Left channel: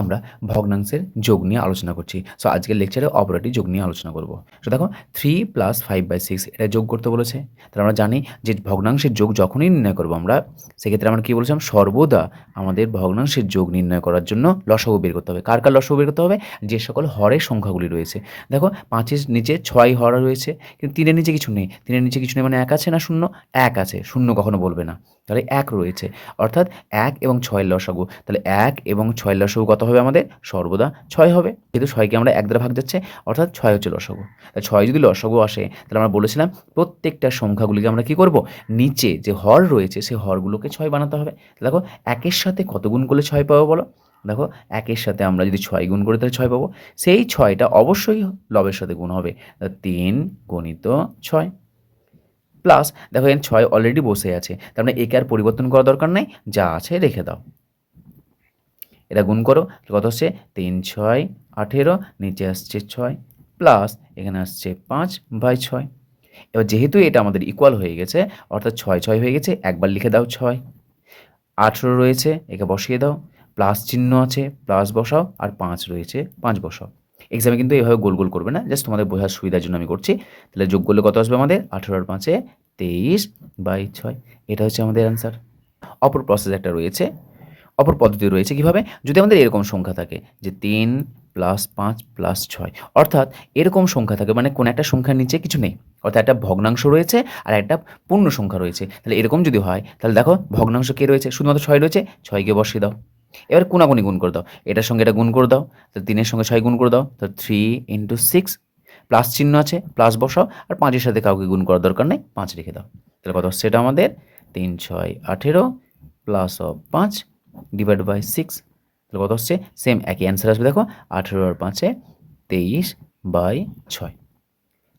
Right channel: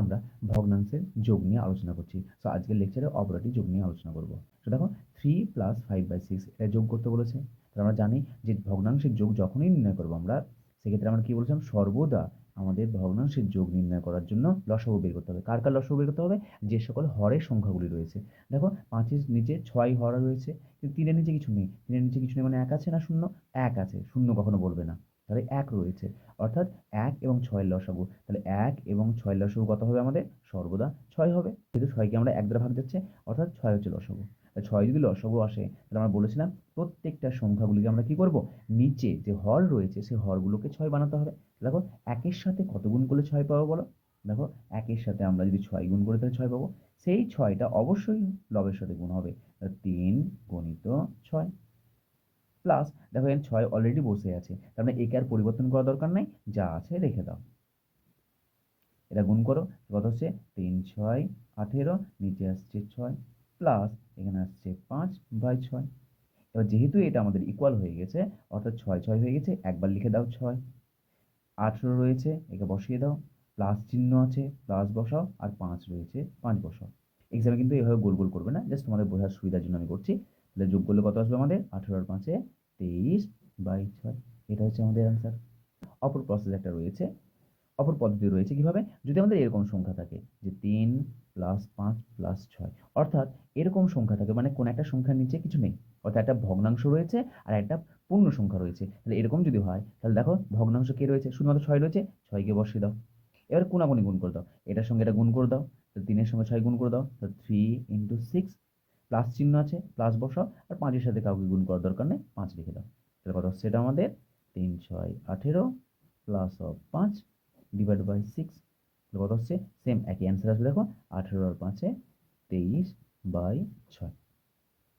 আমরা ভগ্নাংশের যোগ নিয়ে আলোচনা করছি। সো আজকের লেকচারে অপারেটিভ যোগ নিয়ে আলোচনা করব। সো দেখো three plus five by six এটা যোগ করতে বলেছে। তাহলে আমরা জানি যে ভগ্নাংশের যোগ যখনই নির্ণয় করব আমরা, সেক্ষেত্রে আমরা কী বলেছিলাম? সর্বদা আমাদের ভগ্নাংশের যোগ নির্ণয় করার জন্য লসাগু বের করতে হবে। কার কার লসাগু বের করতে হবে? যে সকল হরের সংখ্যাগুলি রয়েছে। দেখো, পাঁচের নিচে ছয় হর রয়েছে, কিন্তু তিনের নিচে কিছু নেই। তিনের নিচে কিছু নেই মানে এক আছে না শূন্য? এক আছে, শূন্য কখনো বলবে না। তাহলে এক রয়েছে। অর্থাৎ এক এবং ছয় লসাগু। তাহলে এক এবং ছয় লসাগু কত হবে আমাদের? সর্বদা ছয় হবে। যেহেতু ছয়কে আমরা এক দ্বারা ভাগ যাচ্ছে, অর্থাৎ ছয় হচ্ছে লসাগু। তাহলে ছয় যদি লসাগু আসে, তাহলে আমরা বলেছিলাম প্রত্যেকটা সংখ্যাগুলিকে আমরা কি করব? নিচে যে হর রয়েছে সেই হরগুলোকে ছয় বানাতে হবে। দেখো, একের সাথে কত গুণ করলে ছয় পাবো বলো? দেখো, একের সাথে আমরা যদি ছয় গুণ করি, তাহলে ছয় পাবো। সেই ছয়টা অবশ্যই লবের সাথে গুণ হবে। তিন গণিত ছয়। প্লাস দেখো এখানে ছয় অলরেডি বসে আছে। তার মানে একে আর পরিবর্তন করা দরকার নেই, যা আছে রেখে দাও। এটা গুণ করো, কত হচ্ছে তিন, ছয়, আঠেরো, নিচে আসছে ছয় প্লাস এখানে আসছে পাঁচ বাই ছয়। এবার যেহেতু এটা আমাদের ইকুয়াল হয়ে গেছে, অর্থাৎ ছয় ছয় হয়ে গেছে, একবার লিখে দাও ছয়। আঠেরো রয়েছে, একে বসিয়ে দাও। প্লাস চিহ্ন আছে প্লাস বসাও, আর পাঁচ রয়েছে, পাঁচ বসাও। এক্সামে কিন্তু এভাবে গোল গোল করবে না। জাস্ট তোমাদের বোঝার সুবিধার জন্য আমি করছি। তাহলে যোগ করলে কত আসবে আমাদের? আঠেরোর পাঁচে তেইশ বাই ছয়। এটা হচ্ছে আমাদের অ্যান্সার অপর প্রসেস একটা রয়েছে। অপর পদ্ধতি রয়েছে কীভাবে? যদি আমাদের এরকম সংখ্যা থাকে যে তিন প্লাস পাঁচ প্লাস ছয়, অর্থাৎ এরকম সংখ্যা থাকে মানে কোনো একটা সংখ্যার নিচে কিছু নেই, অর্থাৎ একটা ভগ্নাংশ রয়েছে আর একটা পূর্ণ সংখ্যা রয়েছে। তাহলে এরকম যদি হয়, তাহলে দেখো ভগ্নাংশ কে রয়েছে? শুধুমাত্র ছয় রয়েছে, ছয়কে বসিয়ে দাও। এবার কোনাগুনি গুণ করে দাও। এটার সঙ্গে এটা গুণ করে দাও তো তিনের সঙ্গে ছয় গুণ করে দাও, তো থ্রি ইন্টু সিক্স প্লাস চিহ্ন আছে প্লাস বসাও, আর পাঁচের সাথে কাউকে গুণ করার দরকার নেই, পাঁচ রেখে দাও। তাহলে কত সেটা আমাদের? তিন, ছয়, আঠেরো প্লাস অফ পাঁচ ডিভাইড বাই সিক্স তাহলে কত হচ্ছে? সেম একই অ্যান্সার আসবে, দেখো, আঠেরো আর পাঁচে তেইশ বাই ছয়।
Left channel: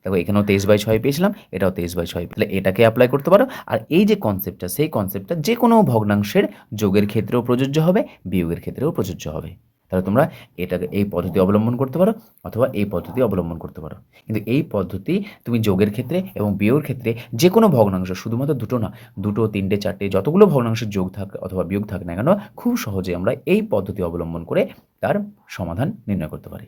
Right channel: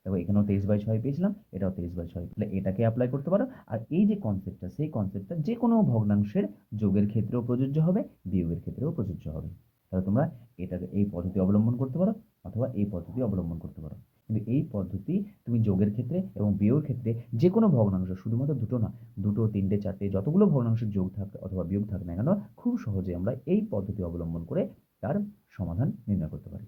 দেখো, এখানেও তেইশ বাই ছয় পেয়েছিলাম, এটাও তেইশ বাই ছয়। তাহলে এটাকে অ্যাপ্লাই করতে পারো। আর এই যে কনসেপ্টটা সেই কনসেপ্টটা যে কোনো ভগ্নাংশের যোগের ক্ষেত্রেও প্রযোজ্য হবে, বিয়োগের ক্ষেত্রেও প্রযোজ্য হবে। তাহলে তোমরা এটাকে এই পদ্ধতি অবলম্বন করতে পারো, অথবা এই পদ্ধতি অবলম্বন করতে পারো। কিন্তু এই পদ্ধতি তুমি যোগের ক্ষেত্রে এবং বিয়োগের ক্ষেত্রে যে কোনো ভগ্নাংশ, শুধুমাত্র দুটো না, দুটো, তিনটে, চারটে, যতগুলো ভগ্নাংশের যোগ থাক অথবা বিয়োগ থাক না কেন, খুব সহজে আমরা এই পদ্ধতি অবলম্বন করে তার সমাধান নির্ণয় করতে পারি।